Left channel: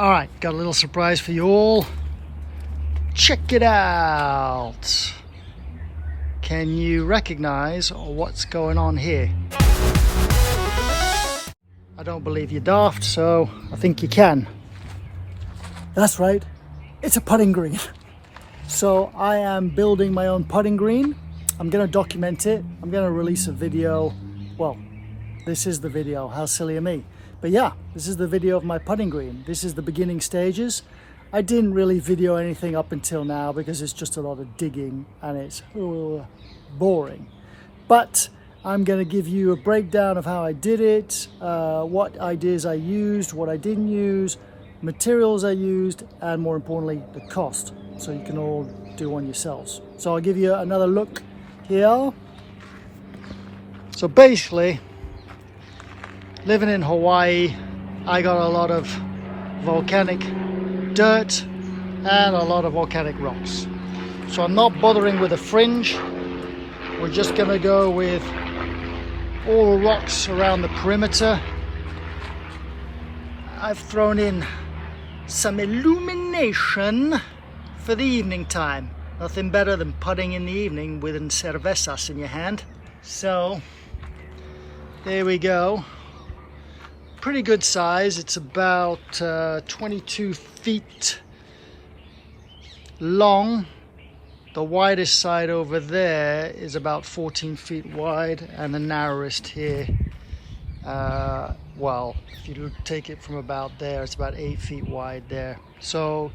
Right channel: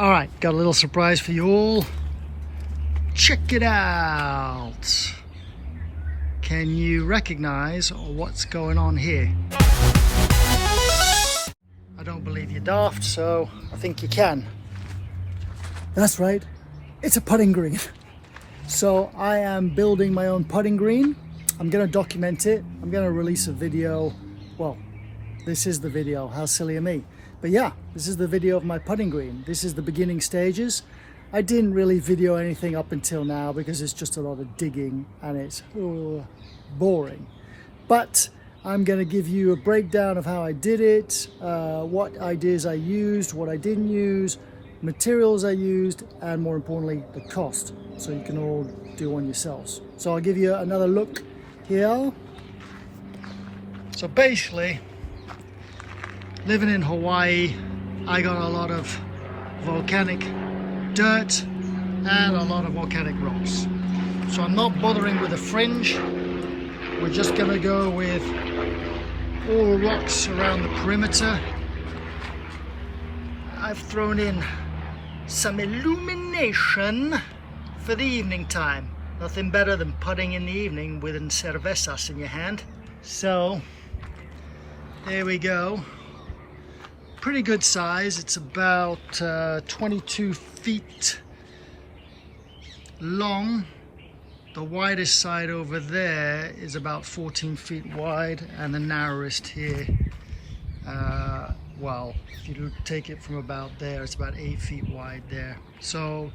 All right, got a little surprise for you all. Check it out. Can you recognize what's going on here? I don't believe you're daft, so I think you can. That's right, it's a putting green. So I am building my own putting green. I'm gonna document it. I'm gonna release a video. Well, this is the video, how silly of me. But yeah, this is the video of my putting green. This is the beginning stages. I didn't really video anything up until now because it's just a lot of digging and it's boring. But I'm going to give you a breakdown of how I did it, what ideas I used, what I didn't use, materials I used, and more importantly, the cost. So you can all do one yourselves. So I'll give you another look here. So basically, living in Hawaii, I got a lot of volcanic dirt and a lot of volcanic rocks. So I'm not bothering with a fringe. We're just gonna go with all rocks around the perimeter. I've thrown in some illumination for the evening time. Nothing better than putting in the evening with cervezas in your hand. So there we go. Pretty good size. It's about 22 feet long. The widest side over there is about 14 feet wide, and the narrowest here, well, if you take it from about there, it's about 8 feet wide there. So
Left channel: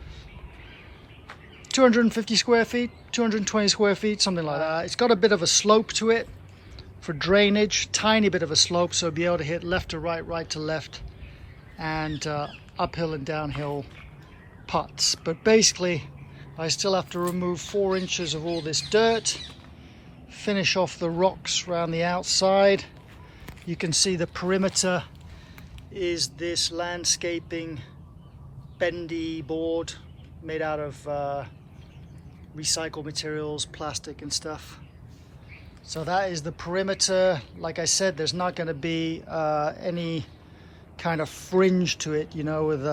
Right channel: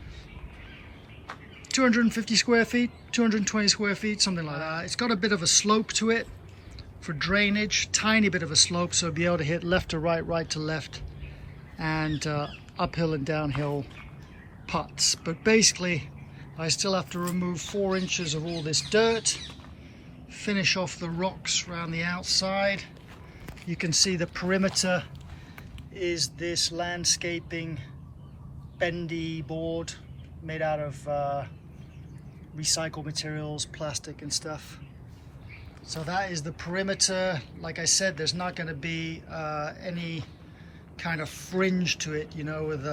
250 square feet, 220 square feet, something like that. It's got a bit of a slope to it for drainage, tiny bit of a slope, so be able to hit left to right, right to left, and uphill and downhill putts. But basically, I still have to remove 4 inches of all this dirt, finish off the rocks around the outside. You can see the perimeter is this landscaping bendy board made out of recycled materials, plastic and stuff. So that is the perimeter. Like I said, there's not going to be any kind of fringe to it, you know, with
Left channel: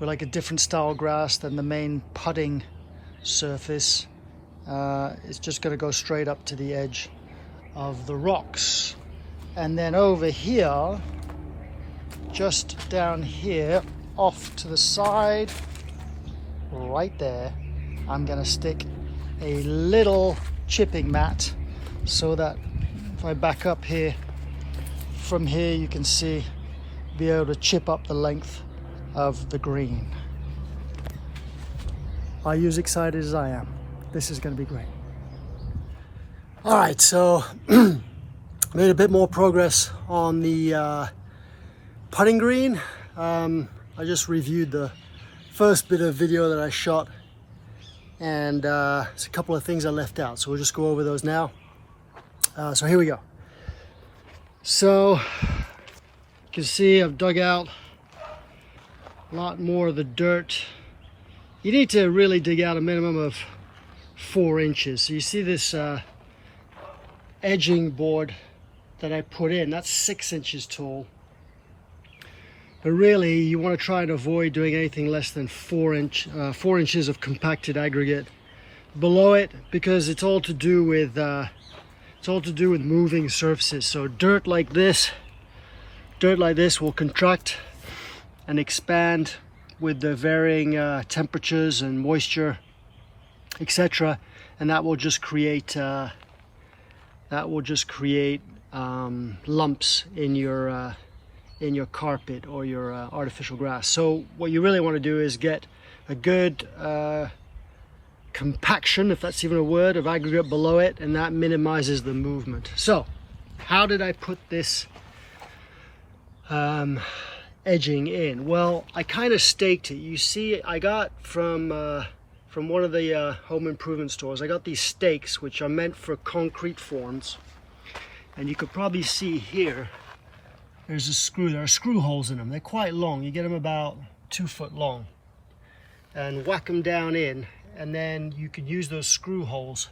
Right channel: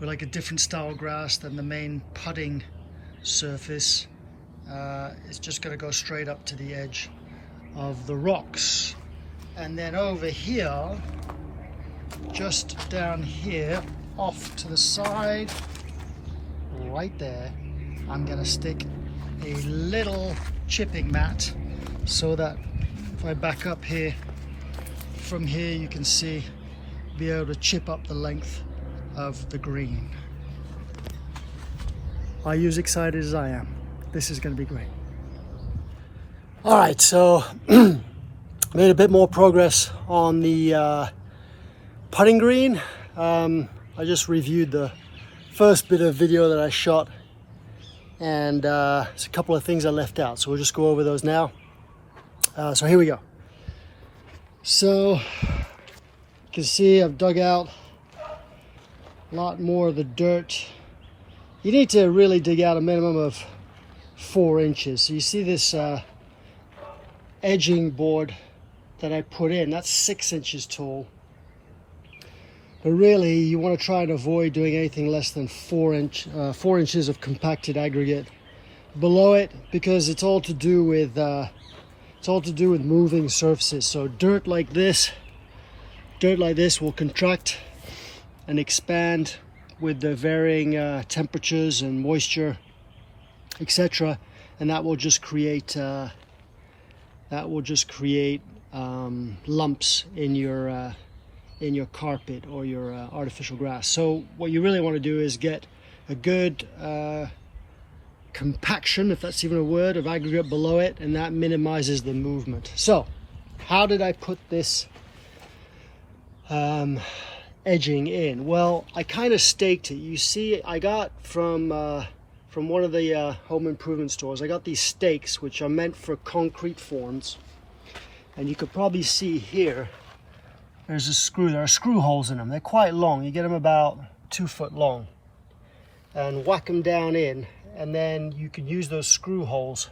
like a different style grass than the main putting surface. It's just going to go straight up to the edge of the rocks. And then over here, just down here, off to the side, right there, I'm going to stick a little chipping mat so that if I back up here, from here you can see, be able to chip up the length of the green. Are you as excited as I am? This is going to be great. All right, so made a bit more progress on the putting green. I just reviewed the first bit of video that I shot, and there's a couple of things I left out, so we'll just go over those now. So here we go. So you can see I've dug out a lot more of the dirt. You need to really dig out a minimum of 4 inches. So you see this edging board that I put in, that's 6 inches tall. But really, you want to try and avoid doing anything less than 4 inches of compacted aggregate below it, because it's all to do with moving surfaces. So dirt like this will contract and expand with the varying temperatures and moisture, etc., and that will just create lumps in your carpet or your artificial grass. So what you really want to do is get a good compaction, if that's even a word, of aggregate below it, and that minimizes the movement. So how did I put this edging in? Well, I kind of staked it. You see, I got from one of the home improvement stores, I got these stakes which are meant for concrete forms, and you could probably see here there's a screw. There are screw holes in them. They're quite long. You get them about 2 foot long, and whack them down in, and then you can use those screw holes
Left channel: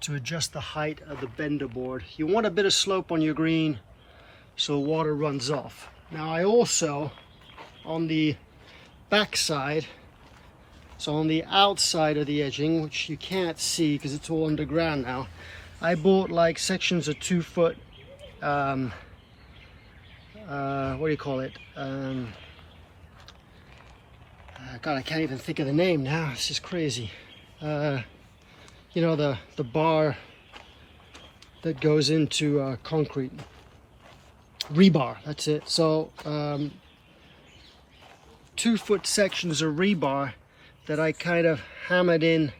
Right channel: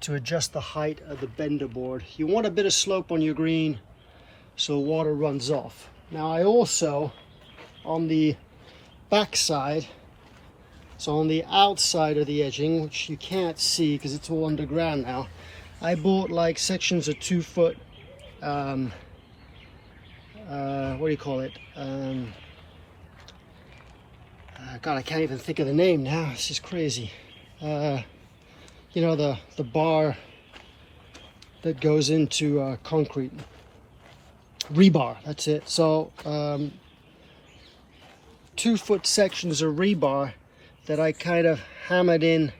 to adjust the height of the bender board. You want a bit of slope on your green so water runs off. Now I also, on the back side, so on the outside of the edging, which you can't see because it's all underground now, I bought like sections of 2 foot, what do you call it? God, I can't even think of the name now. This is crazy. You know, the bar that goes into concrete. Rebar, that's it. So 2 foot sections of rebar that I kind of hammered in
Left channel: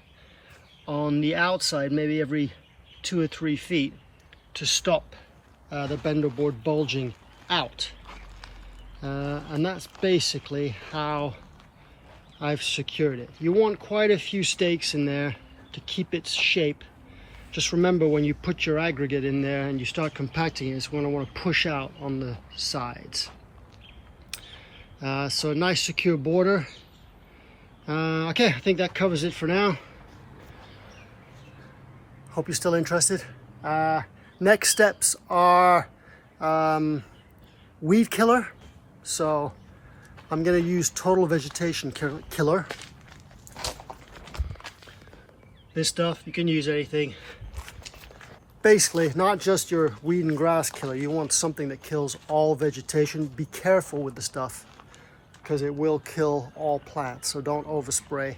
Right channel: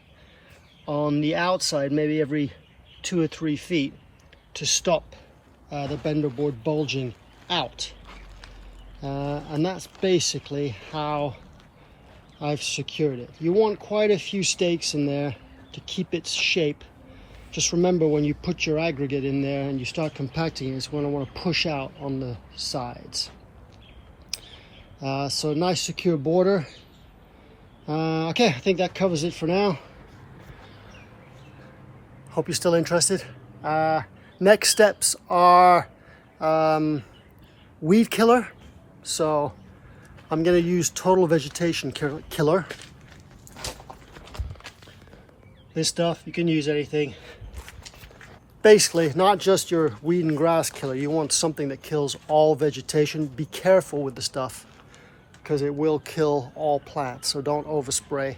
on the outside, maybe every 2 or 3 feet, to stop the bender board bulging out. And that's basically how I've secured it. You want quite a few stakes in there to keep its shape. Just remember, when you put your aggregate in there and you start compacting it, it's going to want to push out on the sides. So a nice secure border. Okay, I think that covers it for now. Hope you're still interested. Next steps are weed killer. So I'm going to use Total Vegetation Killer. This stuff, you can use anything. Basically, not just your weed and grass killer. You want something that kills all vegetation. Be careful with the stuff, because it will kill all plants, so don't overspray.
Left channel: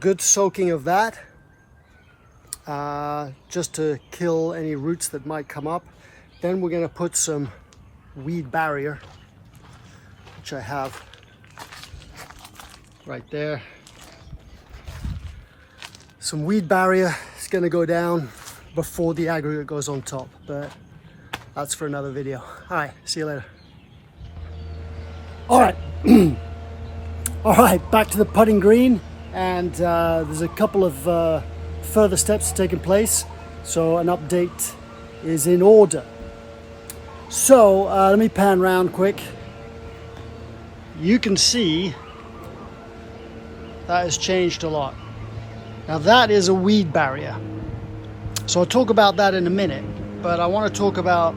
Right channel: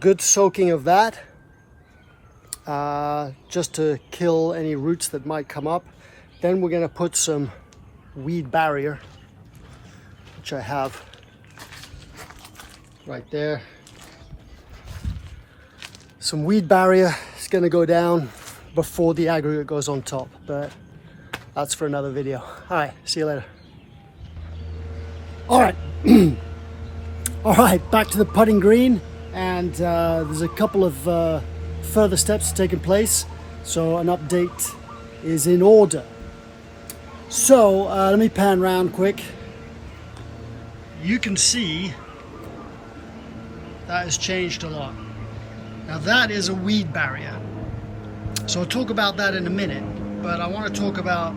Good soaking of that, just to kill any roots that might come up. Then we're going to put some weed barrier, which I have right there. Some weed barrier is going to go down before the aggregate goes on top, but that's for another video. All right, see you later. All right, all right, back to the putting green, and there's a couple of further steps taking place, so an update is in order. So let me pan around quick. You can see that has changed a lot. Now that is a weed barrier, so I'll talk about that in a minute, but I want to talk about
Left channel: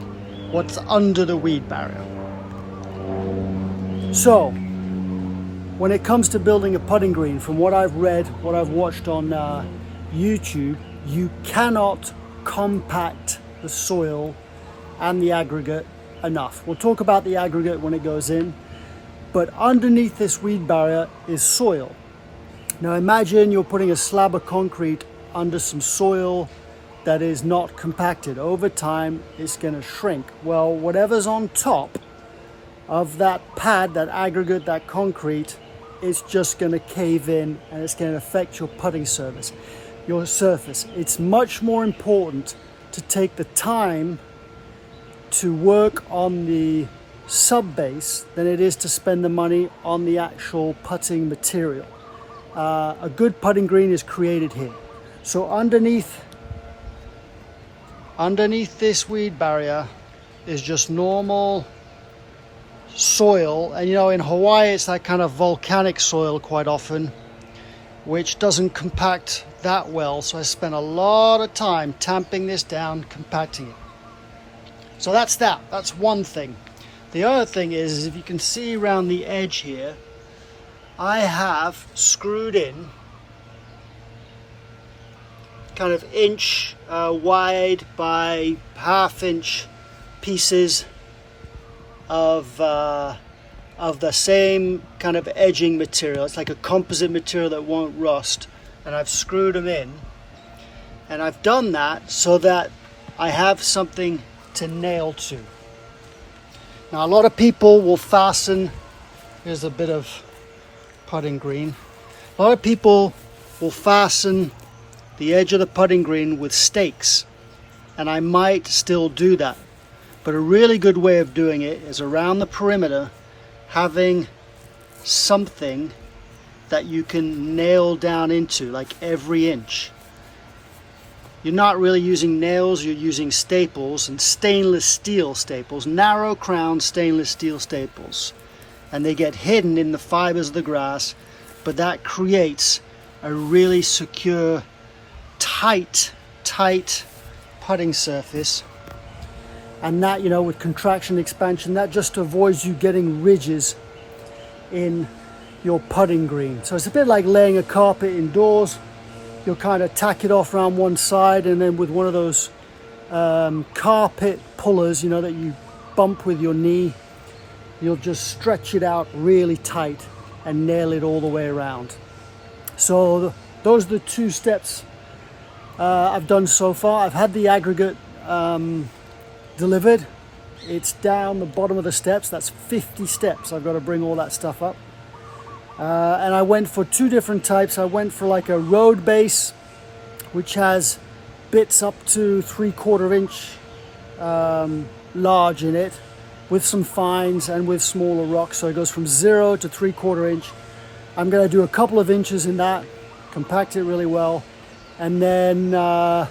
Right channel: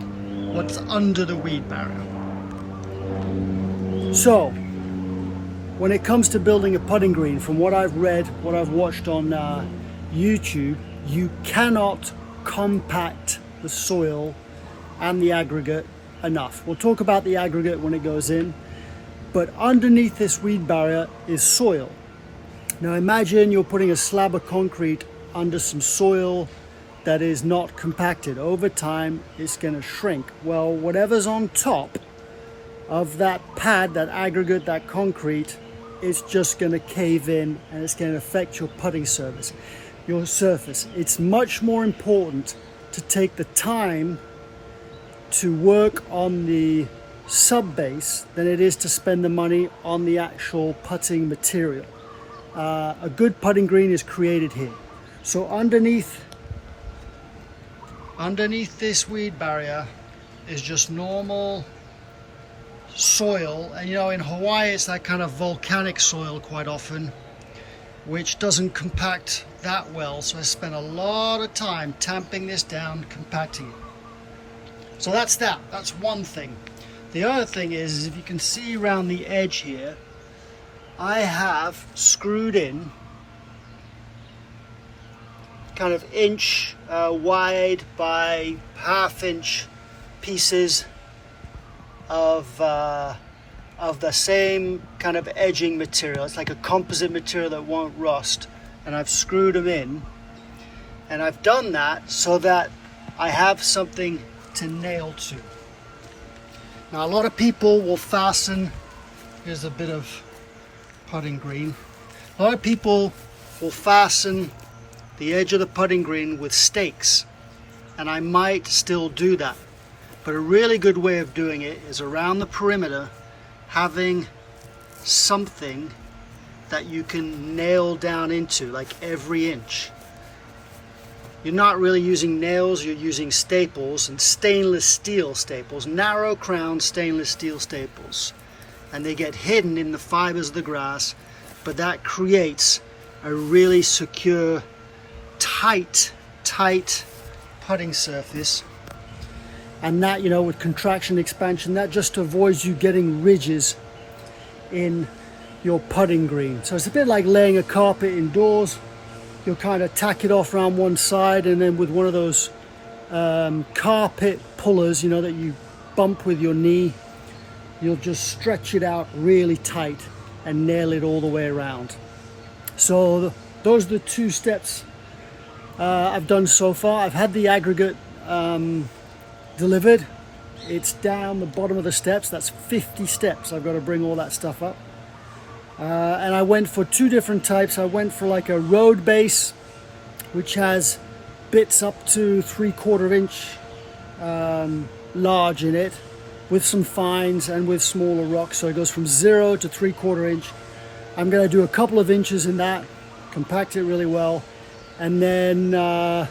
what's under the weed barrier. So when it comes to building a putting green, from what I've read, what I've watched on YouTube, you cannot compact the soil and the aggregate enough. We'll talk about the aggregate when it goes in, but underneath this weed barrier is soil. Now imagine you're putting a slab of concrete under some soil that is not compacted. Over time, it's going to shrink. Well, whatever's on top of that pad, that aggregate, that concrete, it's just going to cave in, and it's going to affect your putting surface. It's much more important to take the time to work on the sub base than it is to spend the money on the actual putting material. A good putting green is created here. So underneath this weed barrier is just normal soil, and you know, in Hawaii it's that kind of volcanic soil quite often, which doesn't compact that well, so I spent a lot of time tamping this down, compacting it. So that's one thing. The other thing is, if you can see around the edge here, I have screwed in kind of inch wide by half-inch pieces of the same kind of edging material. It's like a composite material that won't rust, and I've screwed them in, and I've done that so that I have something to nail to. Now a lot of people will fasten, here's a bit of putting green, a lot of people will fasten the edge of the putting green with stakes, and I might still do that. But a really good way of doing it is around the perimeter, having something that you can nail down into, like every inch. You're not really using nails, you're using staples, and stainless steel staples, narrow crown stainless steel staples. And they get hidden in the fibers of the grass, but that creates a really secure, tight putting surface. And that, you know, with contraction expansion, that just avoids you getting ridges in your putting green. So it's a bit like laying a carpet indoors. You'll kind of tack it off around one side, and then with one of those carpet pullers, you know, that you bump with your knee, you'll just stretch it out really tight and nail it all the way around. So those are the 2 steps I've done so far. I've had the aggregate delivered. It's down the bottom of the steps. That's 50 steps. I've got to bring all that stuff up. And I went for 2 different types. I went for like a road base, which has bits up to 3/4 inch large in it, with some fines and with smaller rocks. So it goes from 0 to 3/4 inch. I'm going to do a couple of inches in that, compact it really well. And then the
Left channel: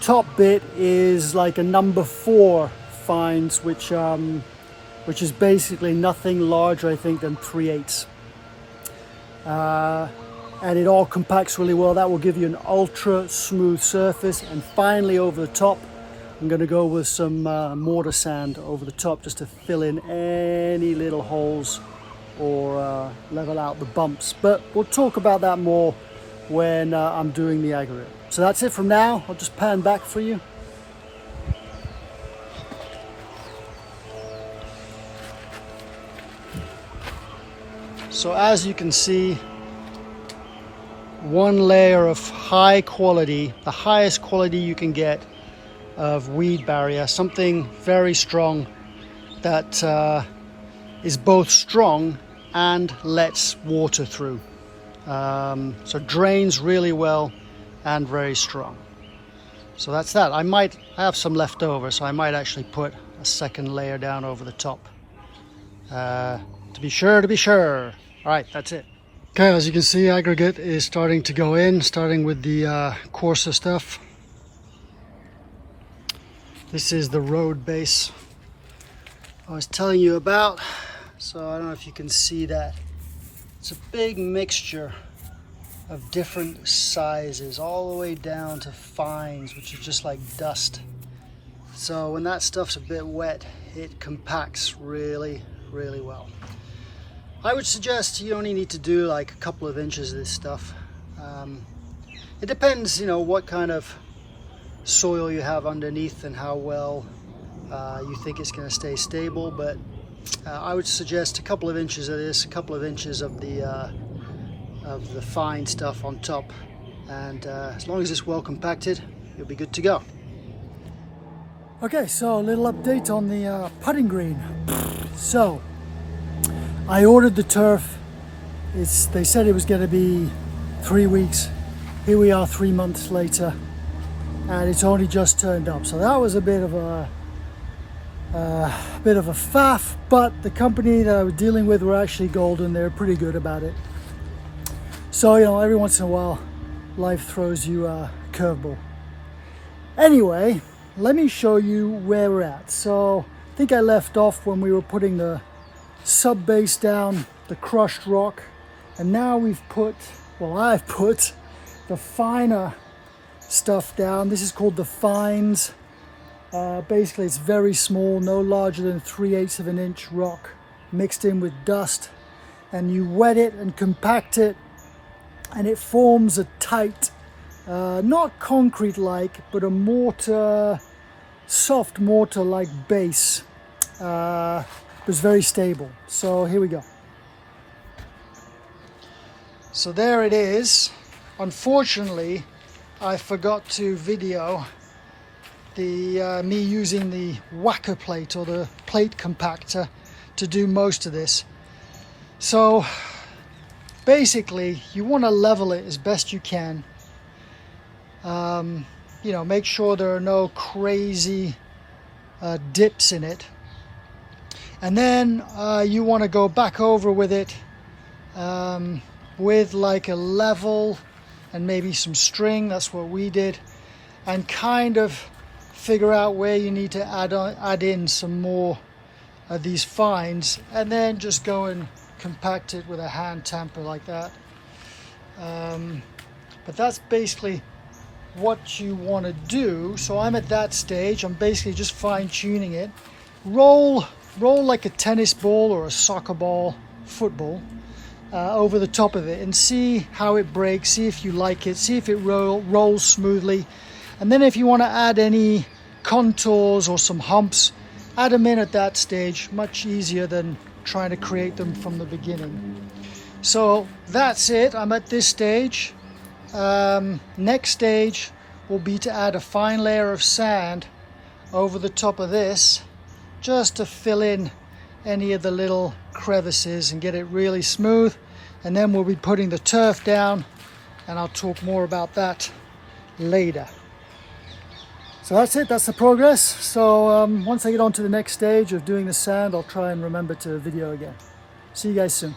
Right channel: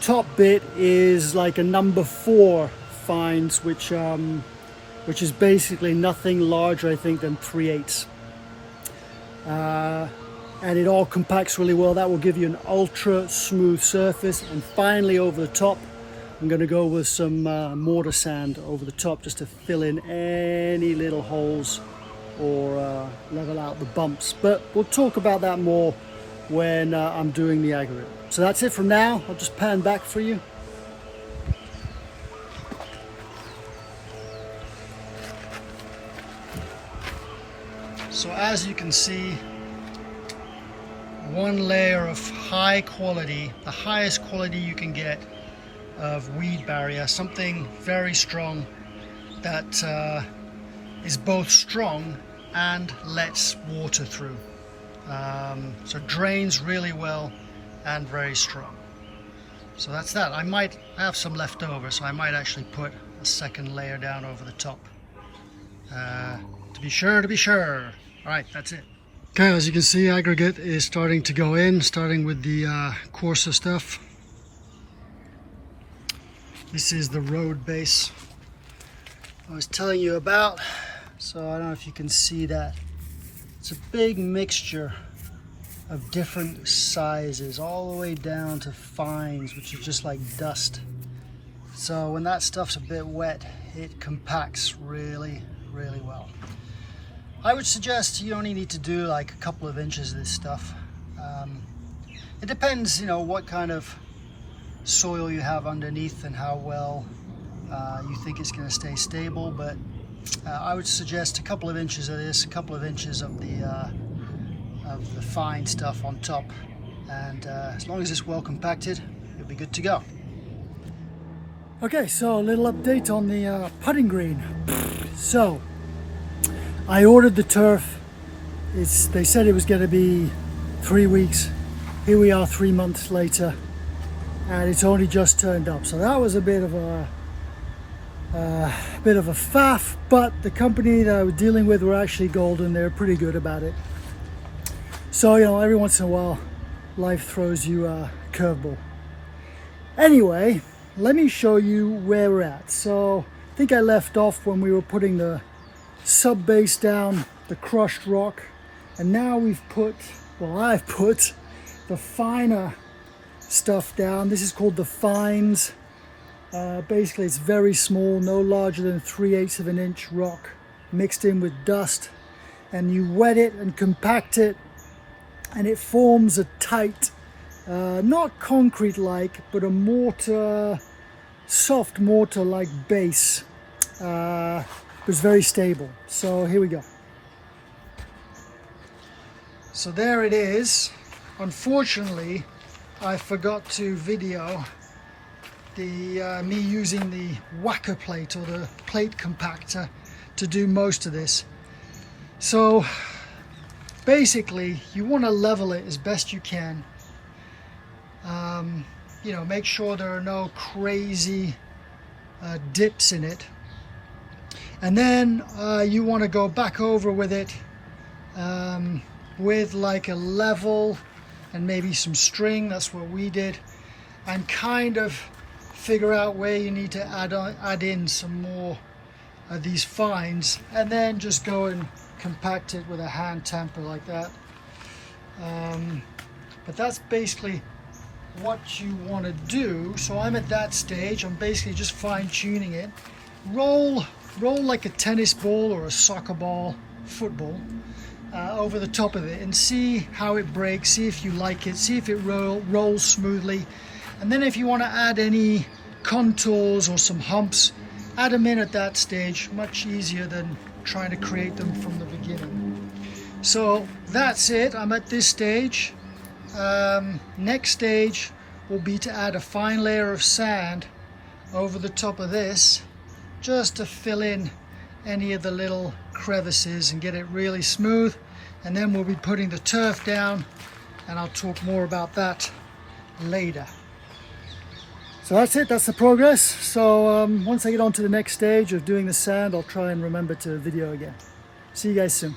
top bit is like a number 4 fines, which is basically nothing larger, I think, than 3/8. And it all compacts really well. That will give you an ultra smooth surface. And finally, over the top, I'm going to go with some mortar sand over the top, just to fill in any little holes or level out the bumps. But we'll talk about that more when I'm doing the aggregate. So that's it from now. I'll just pan back for you. So as you can see, one layer of high quality, the highest quality you can get of weed barrier, something very strong that is both strong and lets water through. So drains really well and very strong. So that's that. I might have some left over, so I might actually put a second layer down over the top to be sure. All right, that's it. Okay, as you can see, aggregate is starting to go in, starting with the coarser stuff. This is the road base I was telling you about. So I don't know if you can see that. It's a big mixture of different sizes, all the way down to fines, which is just like dust. So when that stuff's a bit wet, it compacts really, really well. I would suggest you only need to do like a couple of inches of this stuff. It depends, you know, what kind of soil you have underneath and how well you think it's going to stay stable. But I would suggest a couple of inches of this, a couple of inches of the fine stuff on top, and as long as it's well compacted, you'll be good to go. Okay, so a little update on the putting green. So I ordered the turf. They said it was going to be 3 weeks. Here we are 3 months later, and it's only just turned up. So that was a bit of a faff, but the company that I was dealing with were actually golden. They were pretty good about it. So, you know, every once in a while, life throws you a curveball. Anyway, let me show you where we're at. So I think I left off when we were putting the sub base down, the crushed rock, and now we've put, well, I've put the finer stuff down. This is called the fines. Basically it's very small, no larger than 3/8 of an inch rock mixed in with dust, and you wet it and compact it, and it forms a tight, not concrete like, but a mortar, soft mortar like base. It's very stable. So here we go. So there it is. Unfortunately, I forgot to video the me using the whacker plate, or the plate compactor, to do most of this. So basically you want to level it as best you can. You know, make sure there are no crazy dips in it. And then you want to go back over with it with like a level and maybe some string. That's what we did, and kind of figure out where you need to add in some more of these fines, and then just go and compact it with a hand tamper like that. But that's basically what you want to do. So I'm at that stage. I'm basically just fine-tuning it. Roll like a tennis ball or a soccer ball, football, over the top of it and see how it breaks, see if you like it, see if it rolls smoothly. And then if you want to add any contours or some humps, add them in at that stage. Much easier than trying to create them from the beginning. So that's it. I'm at this stage. Next stage will be to add a fine layer of sand over the top of this, just to fill in any of the little crevices and get it really smooth. And then we'll be putting the turf down, and I'll talk more about that later. So that's it, that's the progress. So once I get on to the next stage of doing the sand, I'll try and remember to video again. See you guys soon.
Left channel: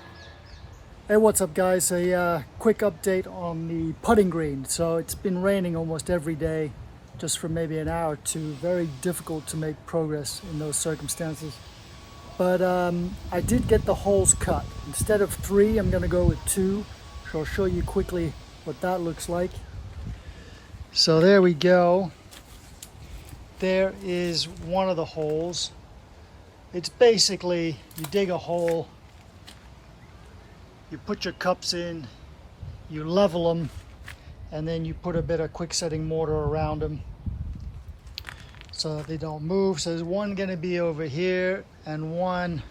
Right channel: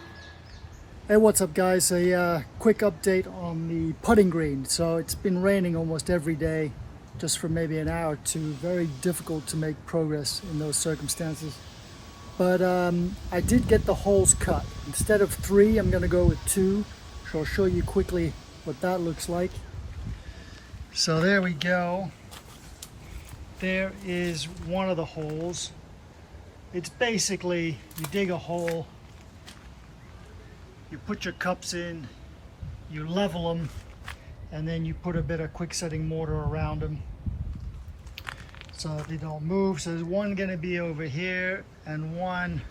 Hey, what's up guys? A quick update on the putting green. So it's been raining almost every day, just for maybe an hour or two. Very difficult to make progress in those circumstances. But I did get the holes cut. Instead of 3, I'm gonna go with 2. So I'll show you quickly what that looks like. So there we go. There is one of the holes. It's basically, you dig a hole, you put your cups in, you level them, and then you put a bit of quick setting mortar around them so that they don't move. So there's one going to be over here and one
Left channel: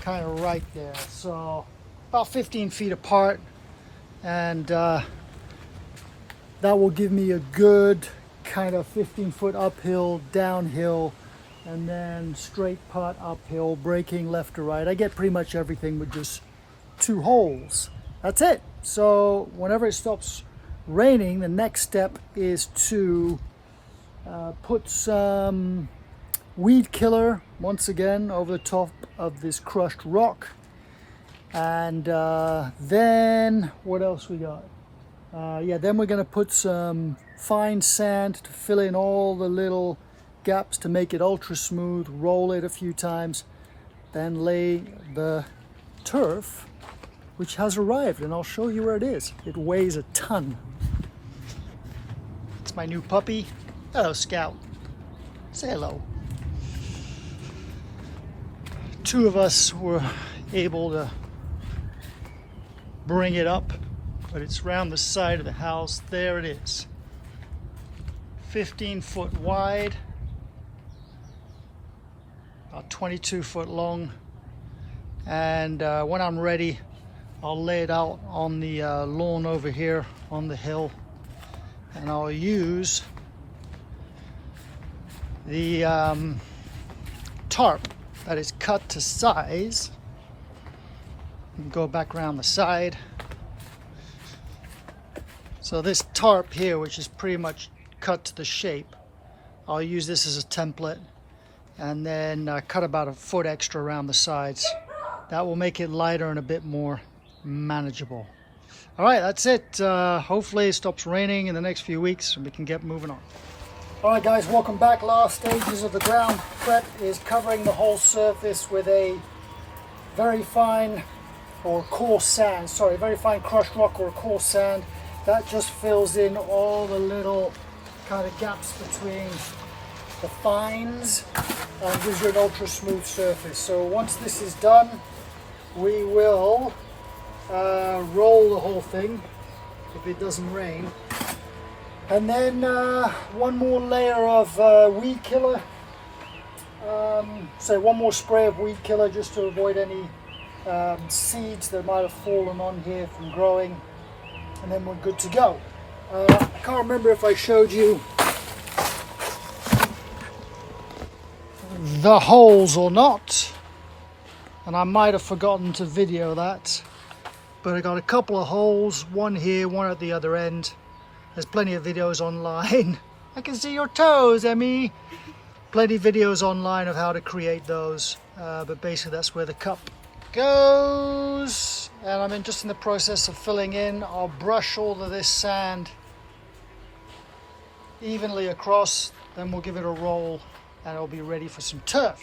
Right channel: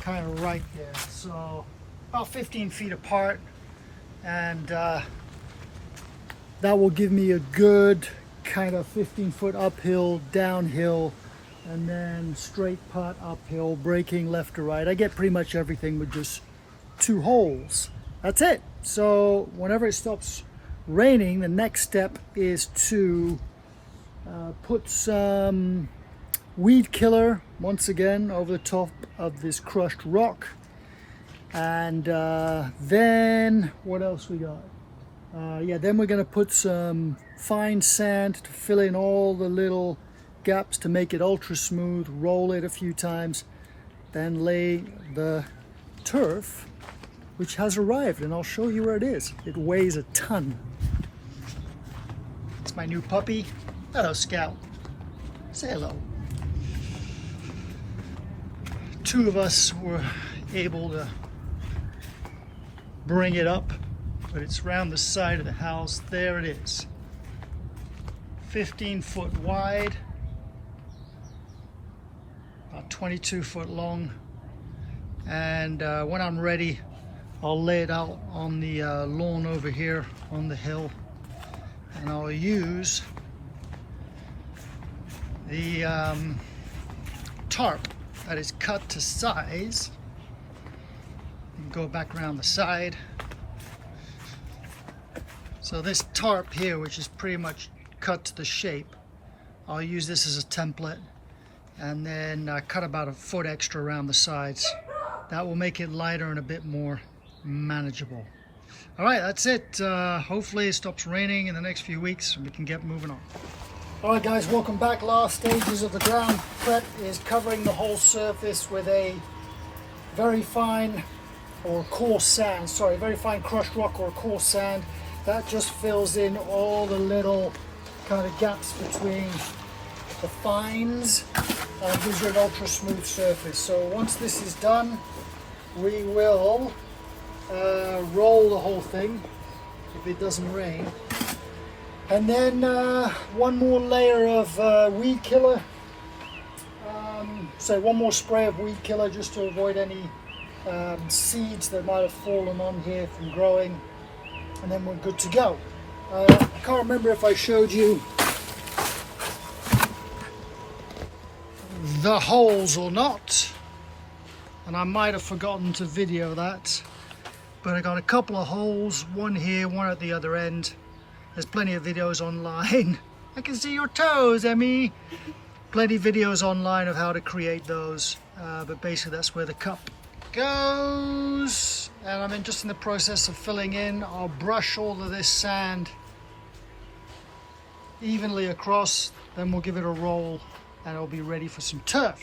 kind of right there. So about 15 feet apart, and that will give me a good kind of 15-foot uphill, downhill, and then straight putt uphill, braking left to right. I get pretty much everything with just 2 holes. That's it. So whenever it stops raining, the next step is to put some weed killer once again over the top of this crushed rock. And then what else we got? Yeah, then we're going to put some fine sand to fill in all the little gaps to make it ultra smooth, roll it a few times, then lay the turf, which has arrived, and I'll show you where it is. It weighs a ton. It's my new puppy. Hello, Scout. Say hello. 2 of us were able to bring it up, but it's around the side of the house. There it is. 15 foot wide, about 22 foot long. And when I'm ready, I'll lay it out on the lawn over here on the hill, and I'll use the tarp that is cut to size. You can go back around the side. So this tarp here, which is pretty much cut to the shape, I'll use this as a template, and then cut about a foot extra around the sides. That will make it lighter and a bit more manageable. All right, that's it. Hopefully it stops raining in the next few weeks and we can get moving on. All right guys, welcome back. Last stages of the ground prep is covering the whole surface with a very fine or coarse sand, sorry, very fine crushed rock or coarse sand. That just fills in all the little kind of gaps between the fines and gives you an ultra smooth surface. So once this is done, we will roll the whole thing if it doesn't rain, and then one more layer of weed killer, so one more spray of weed killer just to avoid any seeds that might have fallen on here from growing, and then we're good to go. I can't remember if I showed you the holes or not, and I might have forgotten to video that, but I got a couple of holes, one here, one at the other end. There's plenty of videos online. I can see your toes, Emmy. Plenty of videos online of how to create those, but basically that's where the cup goes. And I'm just in the process of filling in. I'll brush all of this sand evenly across, then we'll give it a roll and it'll be ready for some turf.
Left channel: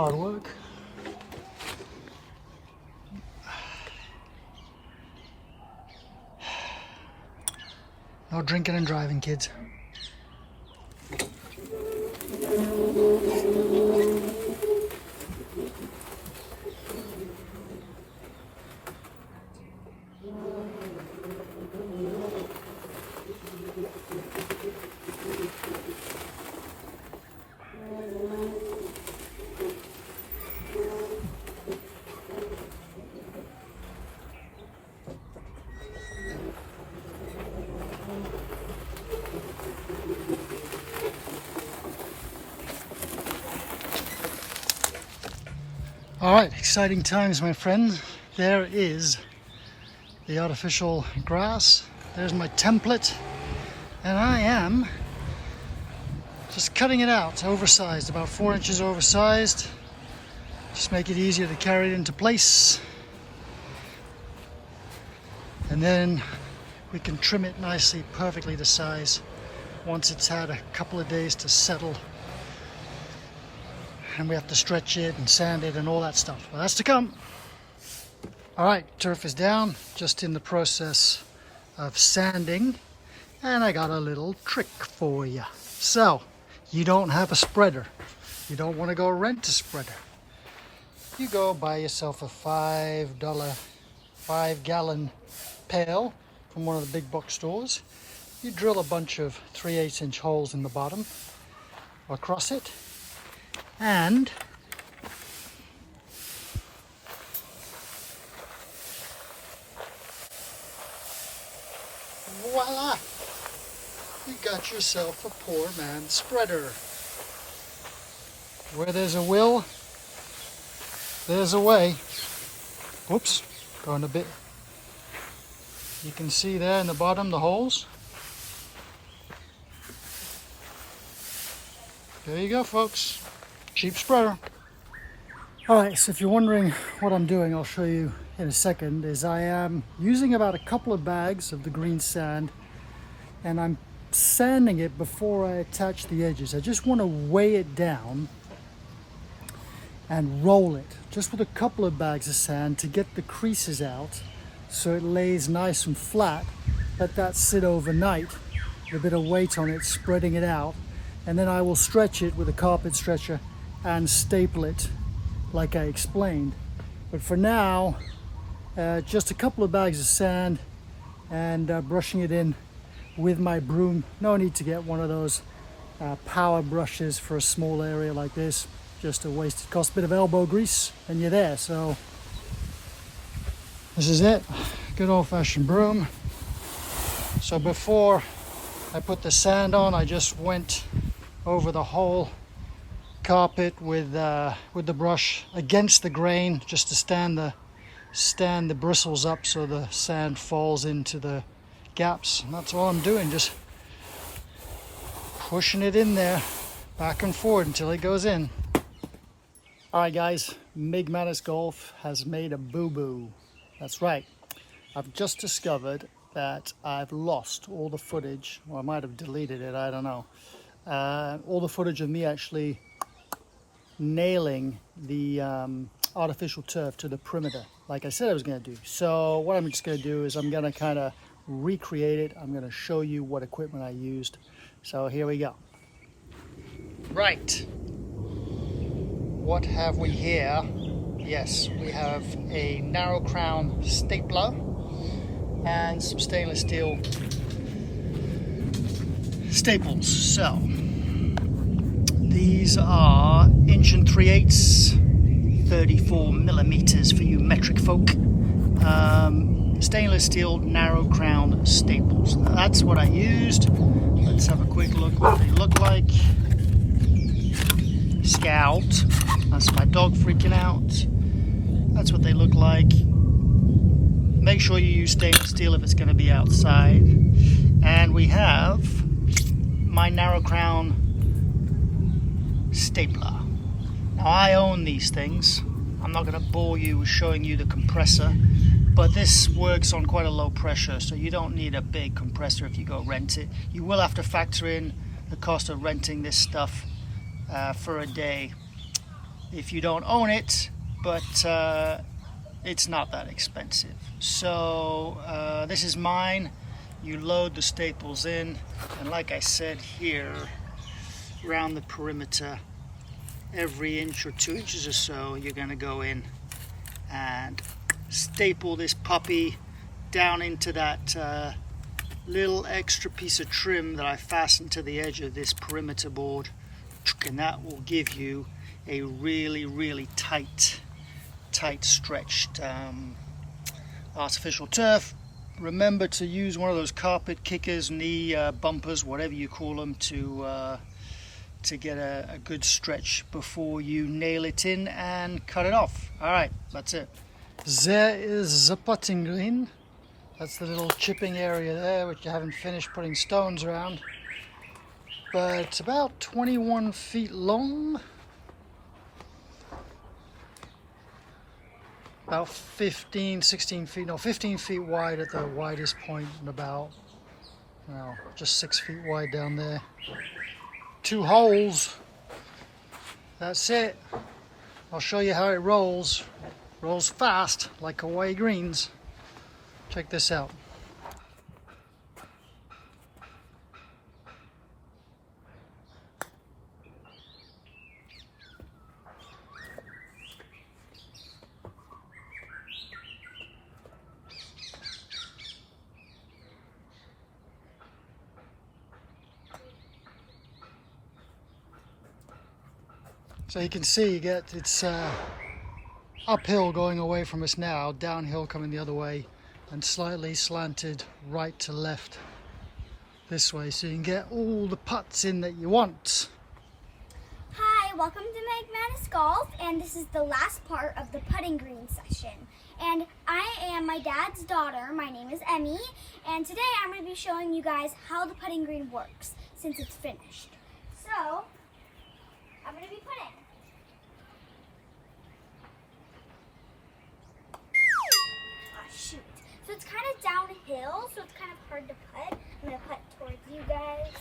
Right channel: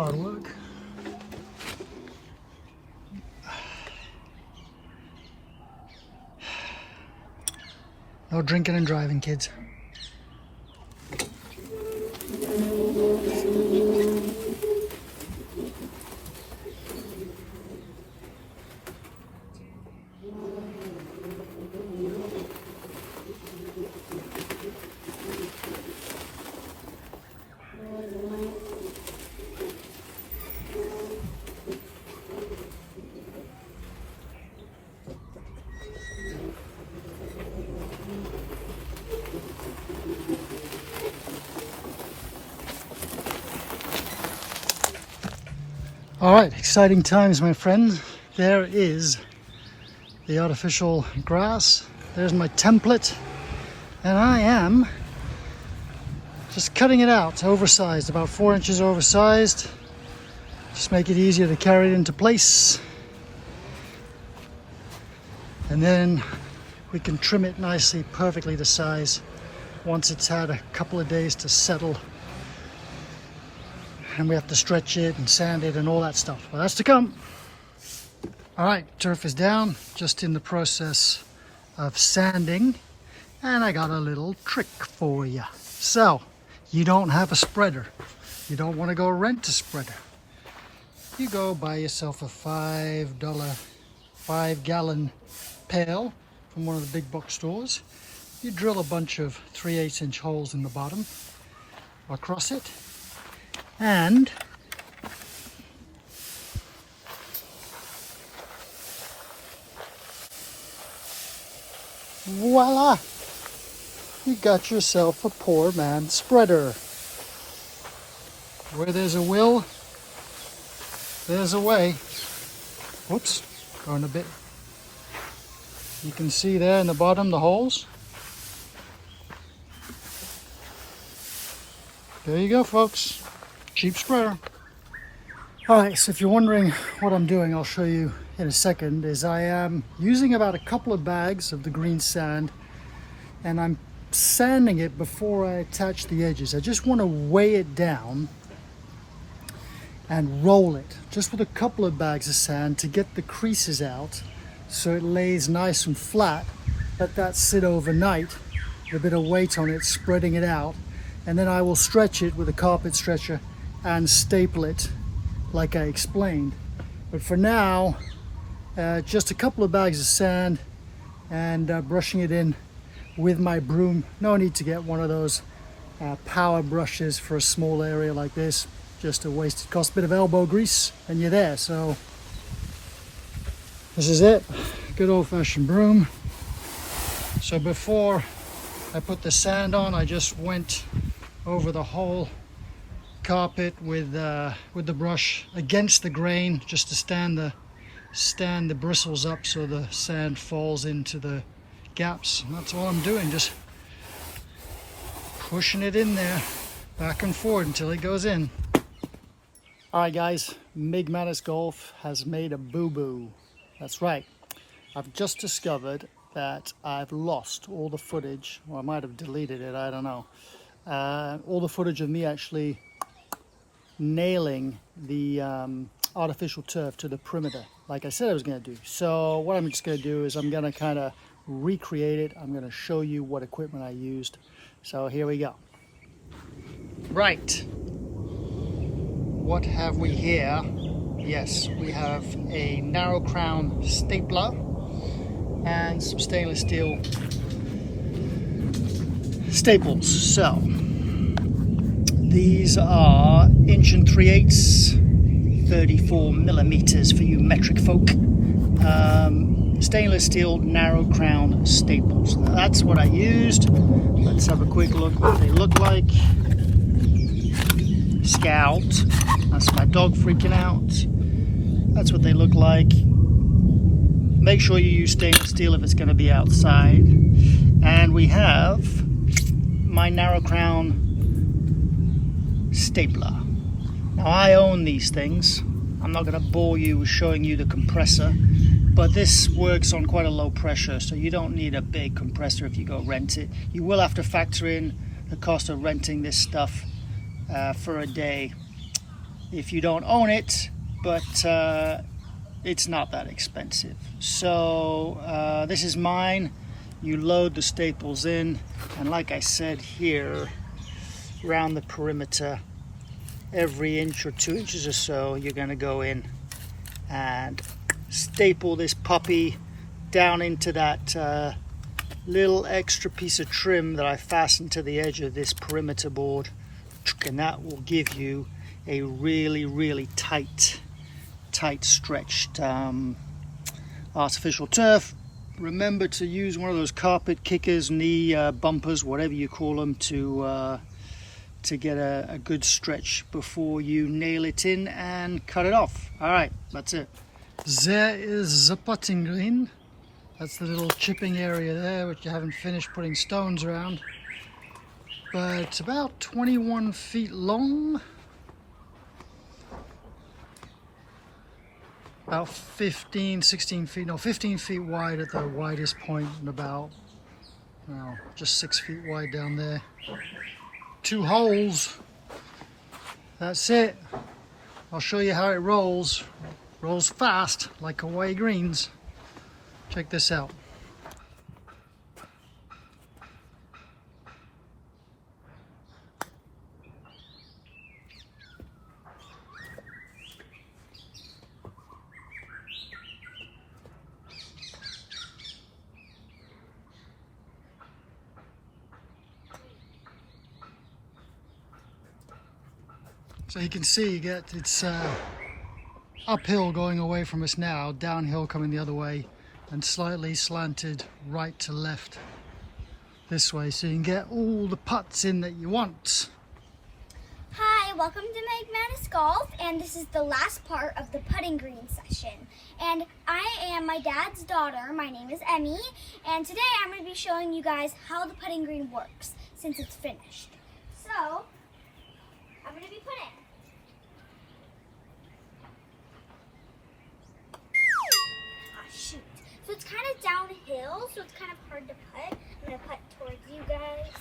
hard work. No drinking and driving, kids. All right, exciting times, my friend. There is the artificial grass. There's my template. And I am just cutting it out, oversized, about 4 inches oversized. Just make it easier to carry it into place. And then we can trim it nicely, perfectly to size once it's had a couple of days to settle. And we have to stretch it and sand it and all that stuff. Well, that's to come. All right, turf is down, just in the process of sanding. And I got a little trick for you. So, you don't have a spreader. You don't want to go rent a spreader. You go buy yourself a $5 5-gallon pail from one of the big box stores. You drill a bunch of 3/8 inch holes in the bottom across it. And voila! You got yourself a poor man's spreader. Where there's a will, there's a way. Whoops, going a bit. You can see there in the bottom the holes. There you go, folks. Cheap spreader. Alright, so if you're wondering what I'm doing, I'll show you in a second, is I am using about a couple of bags of the green sand and I'm sanding it before I attach the edges. I just want to weigh it down and roll it just with a couple of bags of sand to get the creases out so it lays nice and flat. Let that sit overnight with a bit of weight on it, spreading it out, and then I will stretch it with a carpet stretcher and staple it like I explained. But for now, just a couple of bags of sand and brushing it in with my broom. No need to get one of those power brushes for a small area like this. Just a waste. It costs a bit of elbow grease and you're there. So this is it. Good old-fashioned broom. So before I put the sand on, I just went over the whole carpet with the brush against the grain, just to stand the bristles up so the sand falls into the gaps. And that's all I'm doing, just pushing it in there back and forward until it goes in. All right, guys, Migmatisgolf has made a boo-boo. That's right. I've just discovered that I've lost all the footage, or I might have deleted it, I don't know. All the footage of me actually nailing the artificial turf to the perimeter like I said I was going to do. So what I'm just going to do is I'm going to kind of recreate it. I'm going to show you what equipment I used. So here we go. Right, what have we here? Yes, we have a narrow crown stapler and some stainless steel staples. So these are 1 3/8, 34 millimeters for you metric folk. Stainless steel narrow crown staples. That's what I used. Let's have a quick look what they look like. Scout. That's my dog freaking out. That's what they look like. Make sure you use stainless steel if it's going to be outside. And we have my narrow crown stapler. Now I own these things. I'm not going to bore you with showing you the compressor, but this works on quite a low pressure, so you don't need a big compressor if you go rent it. You will have to factor in the cost of renting this stuff for a day. if you don't own it, but it's not that expensive. So this is mine. You load the staples in, and like I said here, around the perimeter, every inch or 2 inches or so, you're going to go in and staple this puppy down into that little extra piece of trim that I fastened to the edge of this perimeter board, and that will give you a really tight stretched artificial turf. Remember to use one of those carpet kickers, knee bumpers, whatever you call them, to get a good stretch before you nail it in and cut it off. All right, that's it. There is the putting green. That's the little chipping area there, which you haven't finished putting stones around. But it's about 21 feet long. About 15 feet wide at the widest point, and about, well, just 6 feet wide down there. 2 holes. That's it. I'll show you how it rolls. Rolls fast, like Hawaii greens. Check this out. So you can see it's uphill going away from us now, downhill coming the other way, and slightly slanted right to left this way, so you can get all the putts in that you want. Hi, welcome to Migmatisgolf, and this is the last part of the putting green session. And I am my dad's daughter. My name is Emmy, and today I'm going to be showing you guys how the putting green works since it's finished. So, I'm going to be putting. Shoot. So it's kind of downhill, so it's kind of hard to putt. I'm going to putt towards you guys.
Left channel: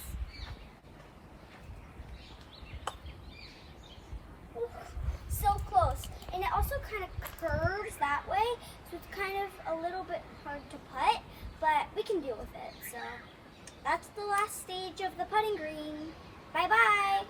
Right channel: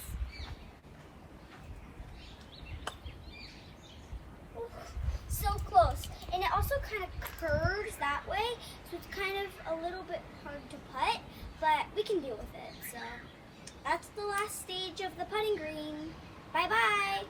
Ooh, so close. And it also kind of curves that way, so it's kind of a little bit hard to putt, but we can deal with it. So that's the last stage of the putting green. Bye-bye.